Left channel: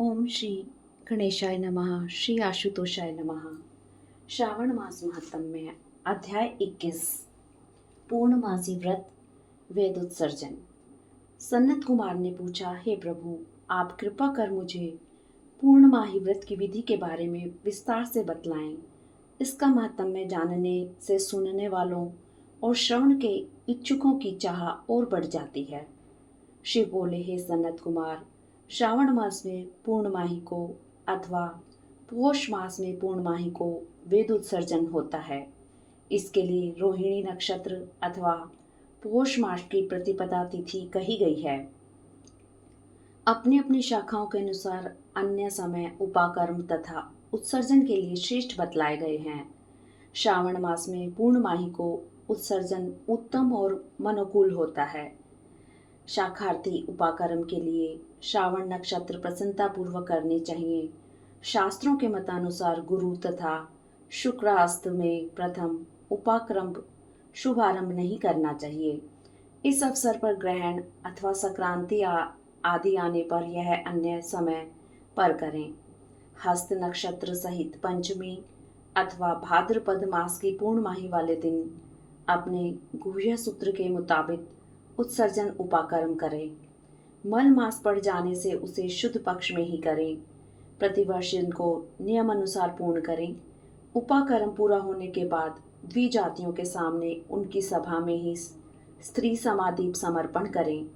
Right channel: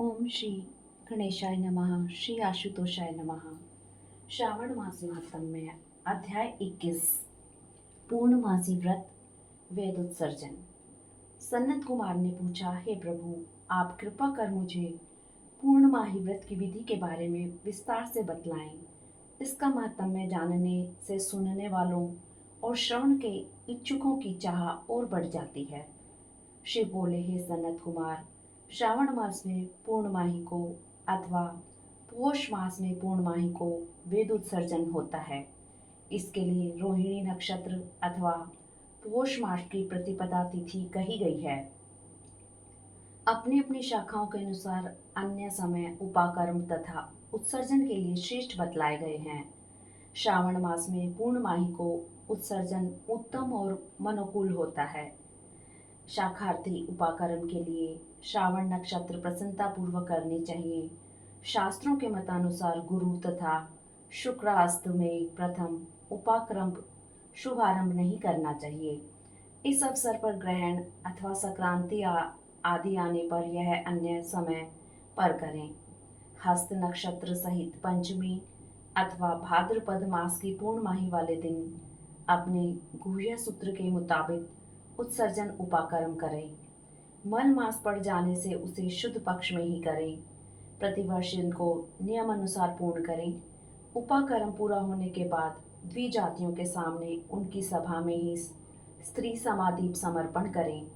ओम श्री गणेशाय नमः। श्री आशुतोषाय नमः। श्रावण मास महात्म्य अध्याय 21 पूर्णमासी व्रत वेद उत्सर्जन। सन्नत कुमार ने पूछा, हे प्रभु, आप कृपा कर मुझे पूर्णमाही व्रत की विधि के बारे में विस्तार से बतलाएं। इसका महात्म्य जानने से सुनने वालों और श्रवण के इच्छुकों की चाह और बढ़ जाती है। शिव बोले, हे सन्नत कुमार, श्रावण मास में पूर्णमाही को अथवा पोष मास में पूर्णमाही को वेद उत्सर्जन होता है। इसके लिए रोहिणी नक्षत्र अथवा पोष मास की प्रतिपदा तिथि कही गई है। अपनी अपनी शाखाओं के अनुसार अन्य समय उपाकर्म तथा उत्सर्जन के लिए श्रेष्ठ बतलाए गए हैं। श्रावण मास में पूर्णमाही को उत्सर्जन उत्तम और मनोकूल होता है। शाखार्थी उपाकर्म के लिए श्रावण नक्षत्र प्रसन्नता पूर्वक करने चाहिए। शास्त्रों के मतानुसार गुरु तथा शुक्रास्त में प्रथम उपाकर्म शुभारंभ नहीं करना चाहिए। इस अवसर पर ग्रहण अथवा संक्रांति आदि आने पर यह अन्य समय पर करें। हस्त नक्षत्र सहित पंचमी अथवा भाद्रपद मास की पूर्णमाही वाले दिन अपने गुह्य सूत्र के मुताबिक उत्सर्जन उपाकर्म करें। मल मास पड़ जाने से उसे शुद्ध पक्ष में ही करें। प्रतिवर्ष इनको नियम अनुसार पूर्ण करें। उपाकर्म पूरा होने के बाद द्विजातियों के सामने उनकी सभा में ही स्त्री समादीप समर्पण करें।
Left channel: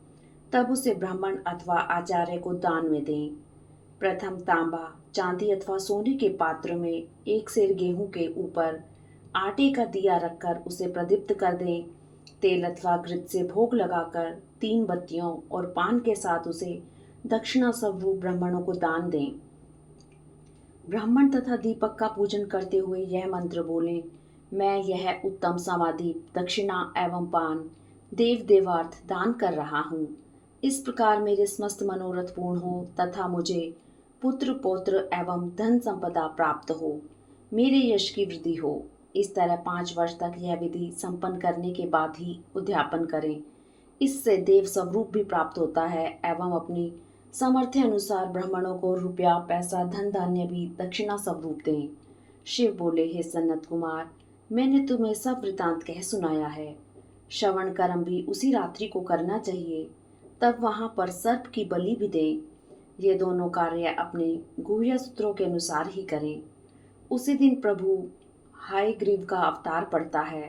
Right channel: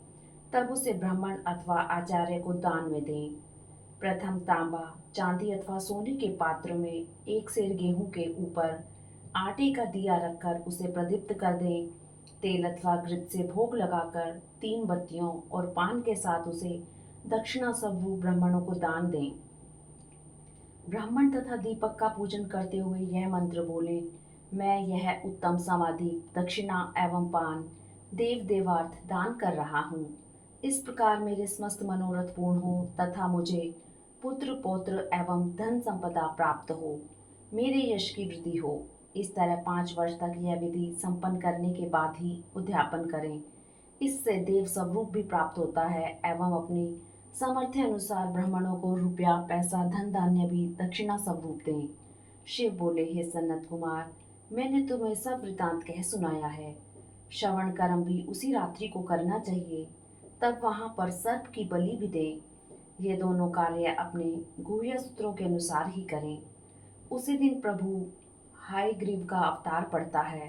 तब उसे ब्राह्मण अथवा आचार्य को दान में दें। प्रथम तांबा, चांदी अथवा सोने के पात्र में एक सेर गेहूं के ऊपर आटे का दिया रखकर उसे प्रदीप्त कर दें। तेल अथवा घृत से भोग लगाकर 3 बत्तियों और पान के साथ उसे दक्षिणा स्वरूप ब्राह्मणों को दान दें। ब्राह्मण तथा दीपक का पूजन करते हुए यह मंत्र बोलें, मैं यह उत्तम समाधि दक्षिणा एवं पान देव देवार्थ दान कर रहा हूँ। इस प्रकार मेरे समस्त मनोरथ पूर्ण हो तथा मुझे पुत्र पौत्र एवं धन संपदा प्राप्त हो, मेरे यश की वृद्धि हो। इस तरह 5 वर्ष तक यह विधि संपन्न करने के बाद ही उद्यापन करें। इससे देव स्वरूप भी प्राप्त होता है एवं अपनी सामर्थ्य अनुसार ब्राह्मणों को रुपया पैसा धन धान्य भी दक्षिणा स्वरूप दें। शिव बोले, हे सन्नत कुमार, मैंने तुम्हें सब वृतांत कह सुनाया है। श्रवण कर्म भी उसी रात्रि को करना चाहिए। तब वहां पर सर्प की बलि भी दें। ये दोनों कार्य अपने गुह्य सूत्रों के अनुसार ही करें। उसी दिन प्रभु हयग्रीव का अवतार पड़ता है।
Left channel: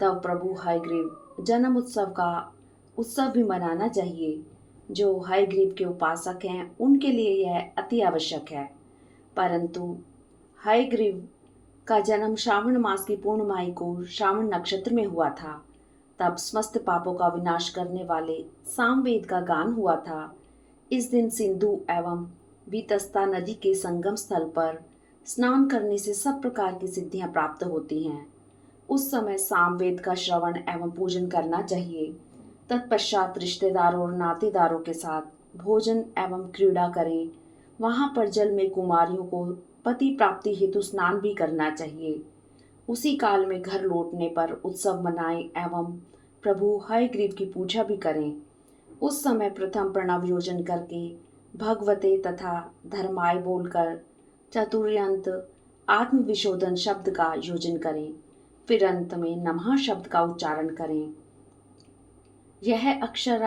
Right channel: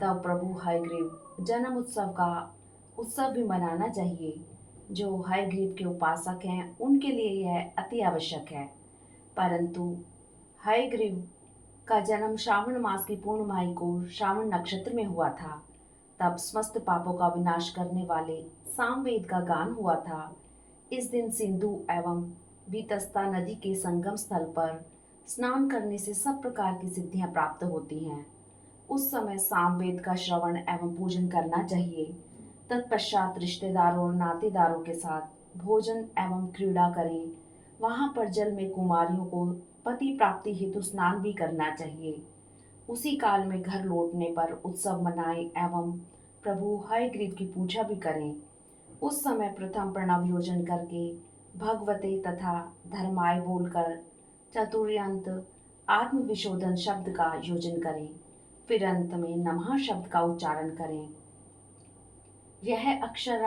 तब प्रभु हयग्रीव जन्म उत्सव का उत्सव भी मनाना चाहिए। जो हयग्रीव के उपासक हैं उनके लिए यह अति आवश्यक है। परंतु हयग्रीव का जन्म श्रावण मास की पूर्णमाही को श्रावण नक्षत्र में हुआ था। तब समस्त पापों का विनाश करने वाले सामवेद का गान हुआ था। इस दिन सिंधु एवं वितस्ता नदी के संगम स्थल पर स्नान करने से सब प्रकार की सिद्धियां प्राप्त होती हैं। उस समय सामवेद का श्रवण एवं पूजन करना चाहिए। तत्पश्चात रिश्तेदारों और नातेदारों के साथ भोजन एवं क्रीड़ा करें। वहां पर जल में कुमारियों को पति प्राप्ति हेतु स्नान भी करना चाहिए। उसी काल में घर लौटने पर उत्सव मनाएं एवं प्रभु हयग्रीव की पूजा भी करें। उस समय प्रथम प्रणव योजन करके भगवते तथा धर्माय बोलकर चतुर्यंत आत्मविशोधन शब्द का योजन करें। फिर अंत में नमः शब्द का उच्चारण करें। यह अक्षर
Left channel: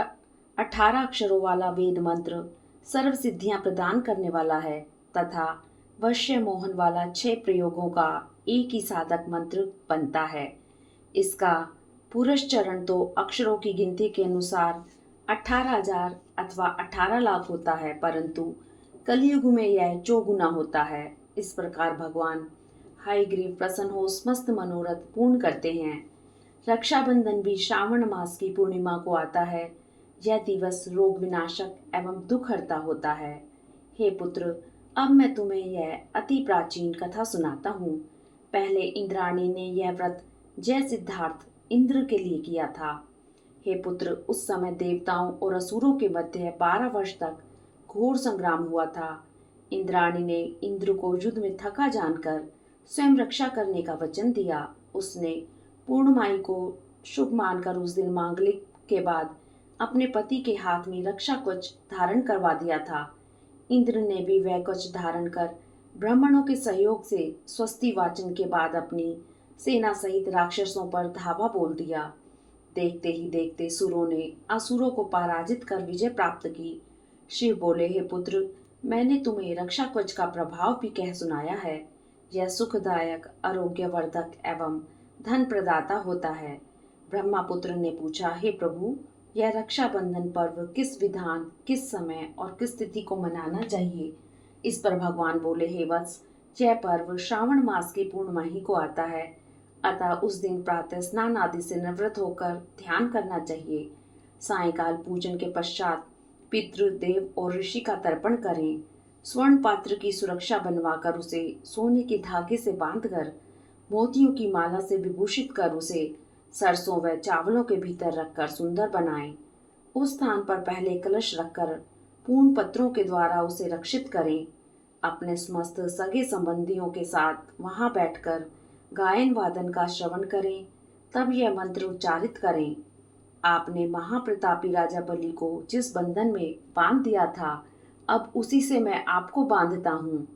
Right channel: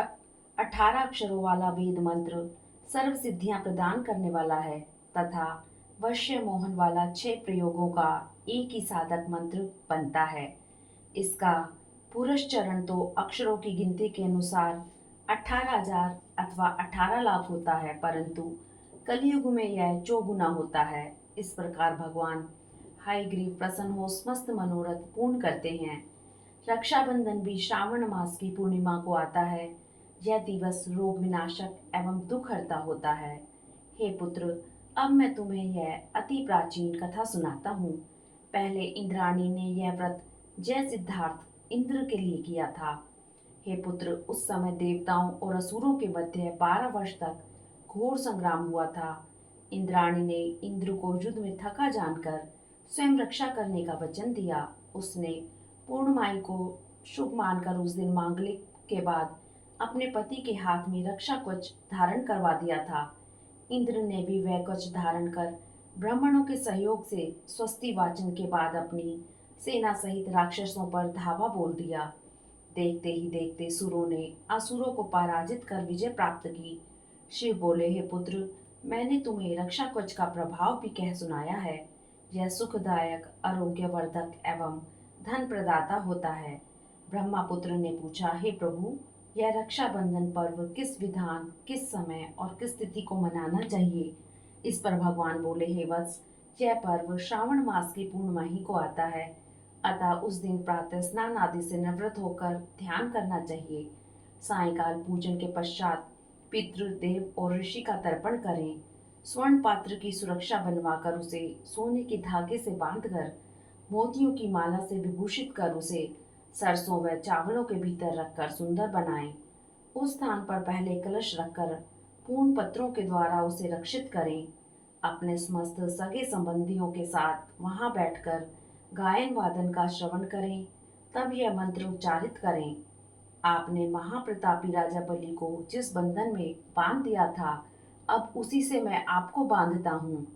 18 अक्षरों वाला वेद मंत्र सर्व सिद्धियां प्रदान करने वाला है तथा वश्य मोहन वाला 6 प्रयोगों का एक ही साधक मंत्र बनता है। इसका पुरस्चरण तो अक्षरों की गिनती के अनुसार 18,000 अथवा 18 लाख होता है, परंतु कलयुग में यह चौगुना होता है। इस प्रकार भगवान हयग्रीव प्रसन्न हो समस्त मनोरथ पूर्ण करते हैं। रक्षाबंधन भी श्रावण मास की पूर्णिमा को आता है। यह दिवस रोग विनाशक एवं दुख हरता होता है। हे पुत्र, अब मैं तुम्हें यह अति प्राचीन कथा सुनाता हूँ। पहले इंद्राणी ने यह व्रत जय सिद्धार्थ इंद्र के लिए किया था। हे पुत्र, उस समय देवताओं और असुरों के मध्य 12 वर्ष तक घोर संग्राम हुआ था। इंद्राणी ने इंद्र को युद्ध में थका जानकर स्वयं रक्षा करने का वचन दिया। उसने पूर्णमाही को शुभ मानकर उस दिन मांगलिक के बाद अपने पति के हाथ में रक्षा कवच धारण करवा दिया था। इंद्र ने भी वह कवच धारण कर ब्राह्मणों के सहयोग से स्वस्ति वाचन के बाद अपनी सेना सहित राक्षसों पर धावा बोल दिया। देखते ही देखते सुरों ने असुरों को पराजित कर विजय प्राप्त की। शिव बोले, हे पुत्र, मैंने तुम्हें रक्षा कवच का प्रभाव भी कह सुनाया है। यह सुखदायक, आरोग्यवर्धक एवं धन प्रदाता होता है। ब्रह्मा पुत्र ने पूछा, हे प्रभु, यह रक्षाबंधन पर्व किस विधान, किस समय और किस तिथि को मनाना चाहिए? इस पर भगवान बोले, हे वत्स, यह पर्व श्रावण मास की पूर्णिमाही को आता है। अतः उस दिन प्रातः स्नान आदि से निवृत्त होकर ध्यान करना चाहिए। सायंकाल पूजन के पश्चात पितृदेव और ऋषि का तर्पण करें। स्वर्ण पात्र की सुरक्षा बनवाकर उसे सोने के धागे से बांधकर मोतियों की माला से विभूषित कर उसे सरसों व चावलों के भीतर रखकर सुंदर बनाएं। उस स्थान पर पहले कलश रखकर पूर्ण पत्रों के द्वारा उसे रक्षित करें। अपने समस्त सगे संबंधियों के साथ वहां बैठकर गायन वादन का श्रवण करें। तब यह मंत्र उच्चारित करें, आपने महाप्रतापी राजा बलि को जिस बंधन में बांध दिया था, अब उसी से मैं आपको बांधता हूँ।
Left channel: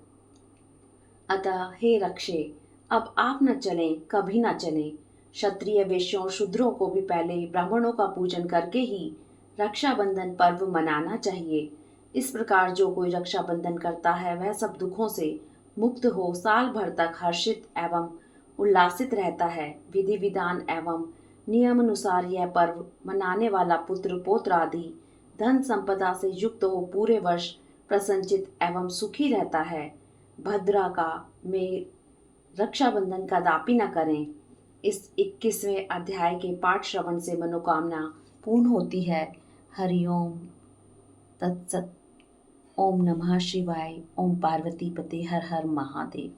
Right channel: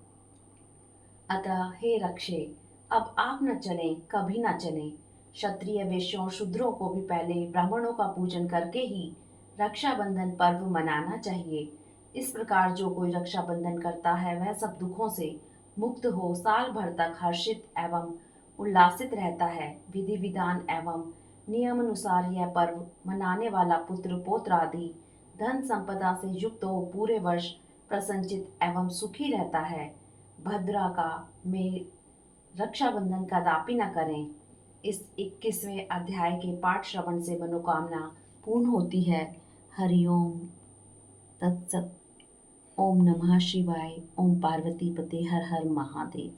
अतः हे रक्षे, अब आप न चलें, कभी न चलें। क्षत्रिय, वैश्यों और शूद्रों को भी पहले ब्राह्मणों का पूजन करके ही रक्षाबंधन पर्व मनाना चाहिए। इस प्रकार जो कोई रक्षाबंधन करता है वह सब दुखों से मुक्त हो साल भर तक हर्षित एवं उल्लासित रहता है। विधि विधान एवं नियम अनुसार यह पर्व मनाने वाला पुत्र पौत्र आदि धन संपदा से युक्त हो पूरे वर्ष प्रसन्नचित एवं सुखी रहता है। भद्रा का में रक्षाबंधन का दापी न करें। इस 21वें अध्याय के पाठ श्रवण से मनोकामना पूर्ण होती है। हरिओम तत्सत। ओम नमः शिवाय। ओम पार्वती पते हर हर महादेव।